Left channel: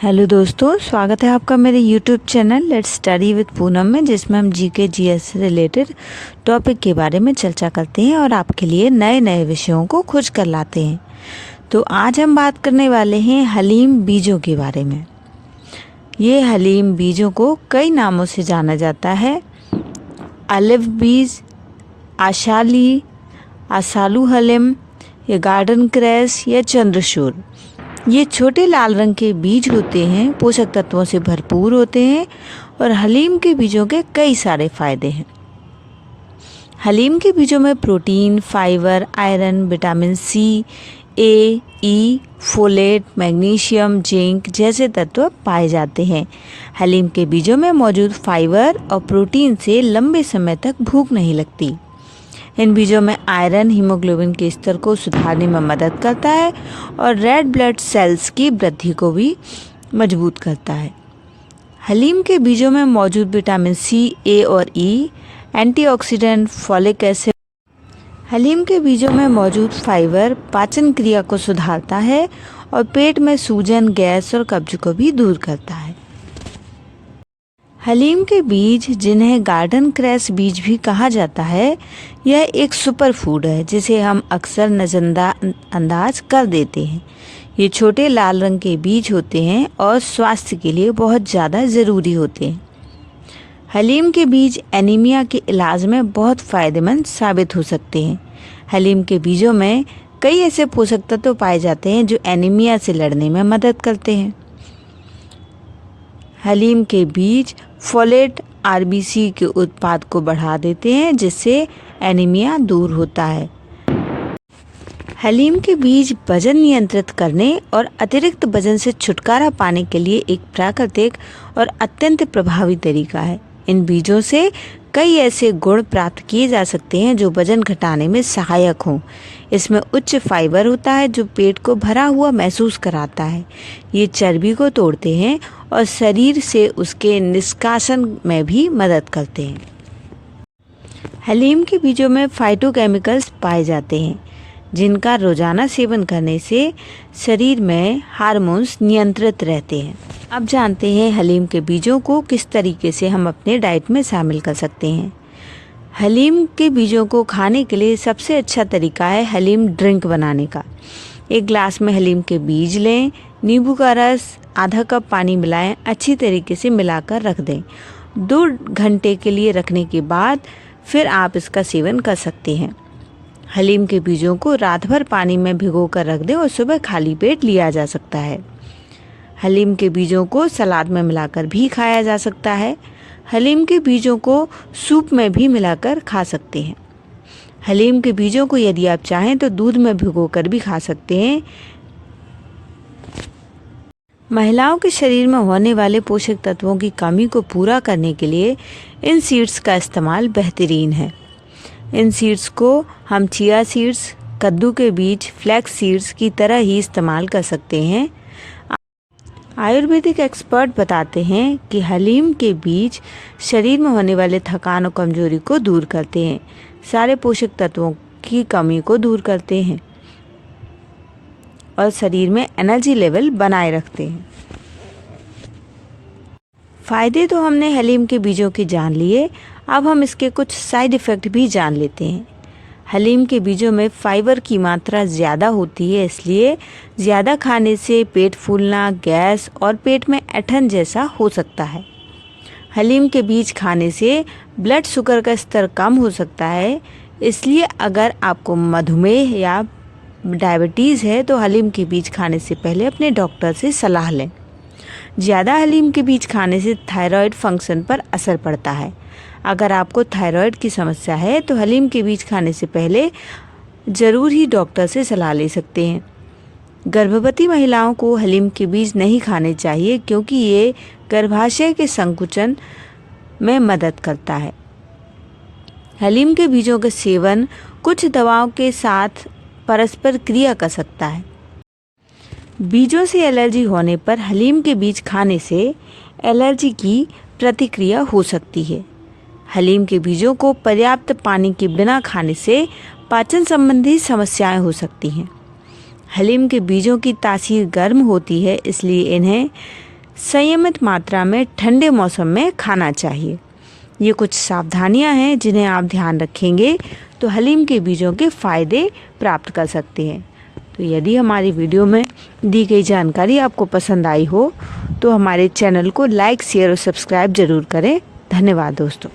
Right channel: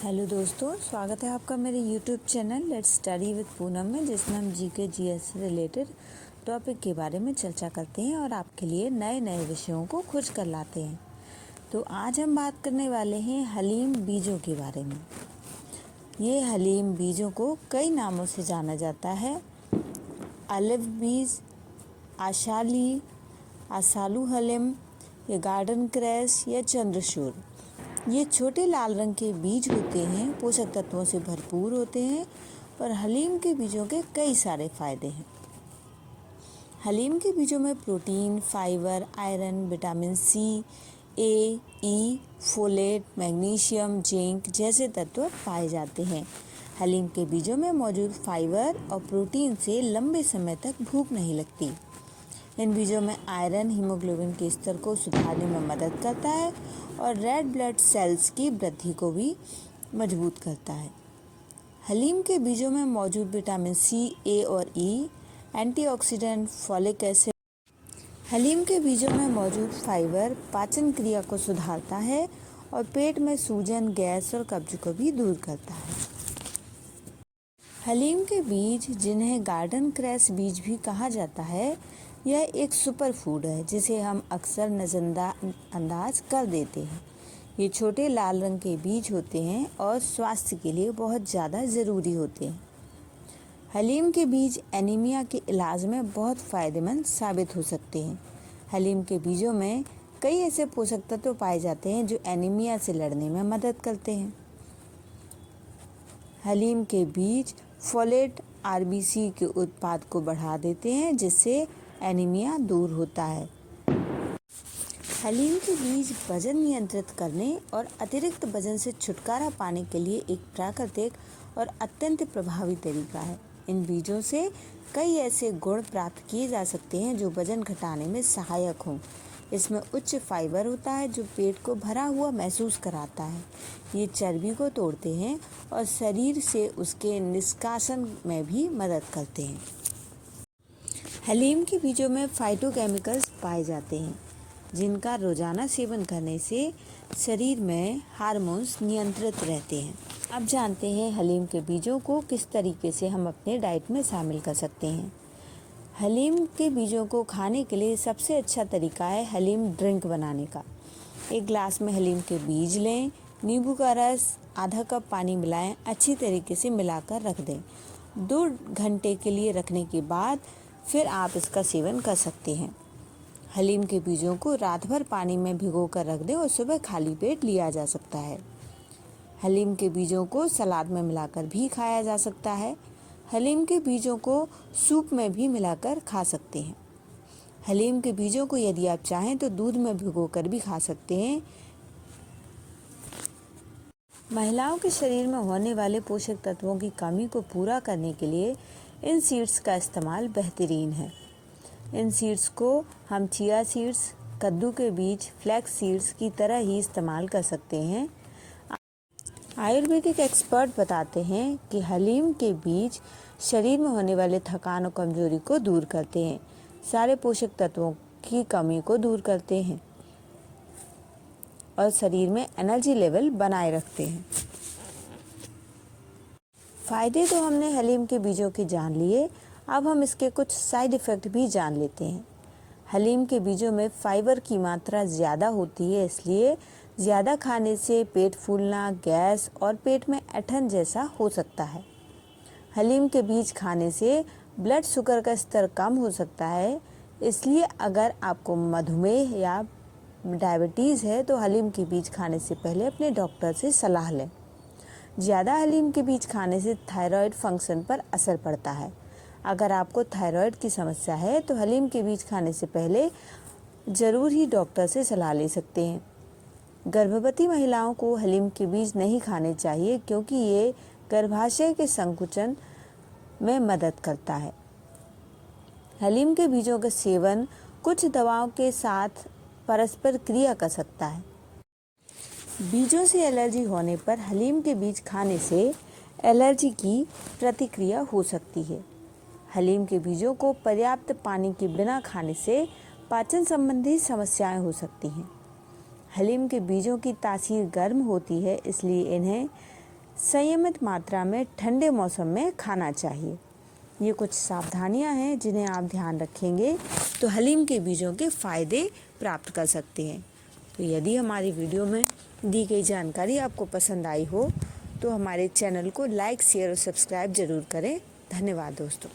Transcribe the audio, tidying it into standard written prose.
Hello दोस्तों, स्वागत है आपका मेरे YouTube channel let's study with Poonam में, जिसमें हम जीके जीएस से रिलेटेड टॉपिक के बारे में चर्चा करते हैं और आपके लिए नए नए विषयों को खोज कर लाते हैं। तो आज हम बात करने वाले हैं हलीम बीजों के बारे में। ये हलीम बीजों को कई नामों से जाना जाता है। अलिव बीज, आशाली, आसालू हलीम, या गार्डन क्रैस या चंद्रशूर। ये छोटे लाल रंग के बीज होते हैं, पोषक तत्वों से भरपूर होते हैं और हलीम के बीजों के कई सारे फायदे हैं। हलीम के बीजों में protein, fibre, iron, vitamin C, A, E, folate, magnesium, zinc जैसे तत्व पाए जाते हैं। हलीम के बीजों में मौजूद फाइबर और प्रोटीन से लंबे समय तक भूख नहीं लगती। इन बीजों में आयरन हीमोग्लोबिन के स्तर को सुधारने में मदद करता है और रेड ब्लड सेल्स की वृद्धि को भी मजबूत करता है। हलीम के बीजों में मौजूद विटामिन सी, ए और ई, एंटीऑक्सीडेंट, फॉलिक एसिड। हलीम के बीजों में मौजूद फाइबर पाचन क्रिया को सुधारता है और पेट में सूजन, गैस और कब्ज को भी दूर करता है। हलीम के बीज, जिन्हें गार्डन क्रैस बीज भी कहा जाता है, यह एक सुपर फूड है जिसे हम अक्सर नज़रअंदाज कर देते हैं। ये छोटे लाल रंग के बीज होते हैं और स्वास्थ्य के लिए बहुत ज़्यादा ज़रूरी होते हैं। हलीम के बीज एनीमिया के इलाज में बहुत फ़ायदेमंद साबित हो सकते हैं। हलीम के बीजों में कई ऐसे पोषक तत्व पाए जाते हैं जो एनीमिया से लड़ने में मदद करते हैं। हलीम के बीज फोलेट, आरबीसी के उत्पाद को बढ़ा देते हैं, जिससे एनीमिया दूर होता है। हलीम के बीज वजन नियंत्रित करने और अतिरिक्त वजन से छुटकारा पाने के लिए एक प्राकृतिक और अत्यंत प्रभावी तरीका है। इन बीजों से कई ऐसे गुण प्राप्त किए जा सकते हैं जो वजन घटाने में सहायक हों। इसमें उच्च फाइबर होता है जो पेट को भरा हुआ महसूस कराता है। ये चर्बी को तोड़ते हैं और शरीर से उसके निष्कासन में भी मदद करते हैं। हलीम के बीजों में फाइटोकेमिकल्स पाए जाते हैं जिनका रोजाना सेवन करने से शरीर में हार्मोन्स नियंत्रित रहते हैं। अब जानते हैं हलीम के बीजों को किस तरीके से हम अपने डाइट में शामिल कर सकते हैं। हलीम के बीजों को खाने के लिए सबसे अच्छा तरीका है हलीम ड्रिंक बनाने का। एक ग्लास में हलीम के बीज लें, नींबू का रस, आधा कप पानी मिलाएं, अच्छी तरीके से मिलाकर रख दें। 2 घंटे के लिए रखने के बाद फिर आप इसका सेवन कर सकते हैं। हलीम के बीजों को रात भर पानी में भिगो कर रख दें और सुबह खाली पेट लिया जा सकता है। हलीम के बीजों को सलाद में मिलाकर भी खाया जा सकता है। हलीम के बीजों को सूप में भी मिलाकर खा सकते हैं। हलीम के बीजों को यदि आप चाहें तो दूध में भिगोकर भी खा सकते हैं। महिलाओं के शरीर में होने वाले पोषक तत्वों की कमी को पूरा करने के लिए इन सीड्स का इस्तेमाल बेहतरीन है। इन सीड्स को हम चिया सीड्स, कद्दू के बीज, फ्लैक्स सीड्स की तरह ही इस्तेमाल कर सकते हैं। आयुर्वेदिक एक्सपर्ट बताते हैं कि हलीम के बीज शरीर में होने वाले थकान और कमजोरी को दूर करते हैं, सारे पोषक तत्वों की कमी को दूर करते हैं और शरीर में एनर्जी लेवल बनाए रखते हैं। फायदे तो हमने हलीम के बीजों के जान लिए, अब हम इसके कुछ साइड इफ़ेक्ट भी जान लेते हैं। हलीम के बीजों में फाइबर की मात्रा ज़्यादा होती है, इसलिए ज़्यादा खाने से पेट फूलना, गैस और पेट में ऐंठन जैसा हो सकता है। हलीम के बीज खाने से ब्लड शुगर का स्तर कम हो सकता है, इसलिए अगर आपको मधुमेह या डायबिटीज़ है तो हलीम के बीज खाने से पहले अपने डॉक्टर से सलाह लें। ज़्यादा हलीम के बीज खाने से थायराइड फंक्शन पर असर पड़ता है। अगर आपको थायराइड की समस्या है तो हलीम के बीज खाने से पहले ज़रूर ही डॉक्टर से सलाह ले सकते हैं। गर्भवती महिलाओं को हलीम के बीज नहीं खाने चाहिए क्योंकि ये गर्भाशय के संकुचन में मदद करता है। हलीम के बीजों का सेवन कुछ दवाओं के साथ परस्पर क्रिया कर सकता है। बीजों से एलर्जी होने पर हलीम के बीज खाने से एलर्जी की प्रतिक्रिया हो सकती है। हलीम के बीजों को पर्याप्त पानी के बिना खाने से पाचन संबंधी समस्याएं हो सकती हैं। हलीम के बीजों की तासीर गर्म होती है, इसलिए इन्हें संयमित मात्रा में ठंडे मौसम में खाना चाहिए। ये कुछ सावधानियां हैं जिन्हें आप ध्यान रखेंगे तो हलीम के बीजों के फ़ायदे प्राप्त कर सकते हैं। तो यदि हमारी वीडियो में दी गई जानकारी आपको पसंद आई हो तो हमारे चैनल को लाइक, शेयर और सब्सक्राइब ज़रूर करें। धन्यवाद दोस्तों।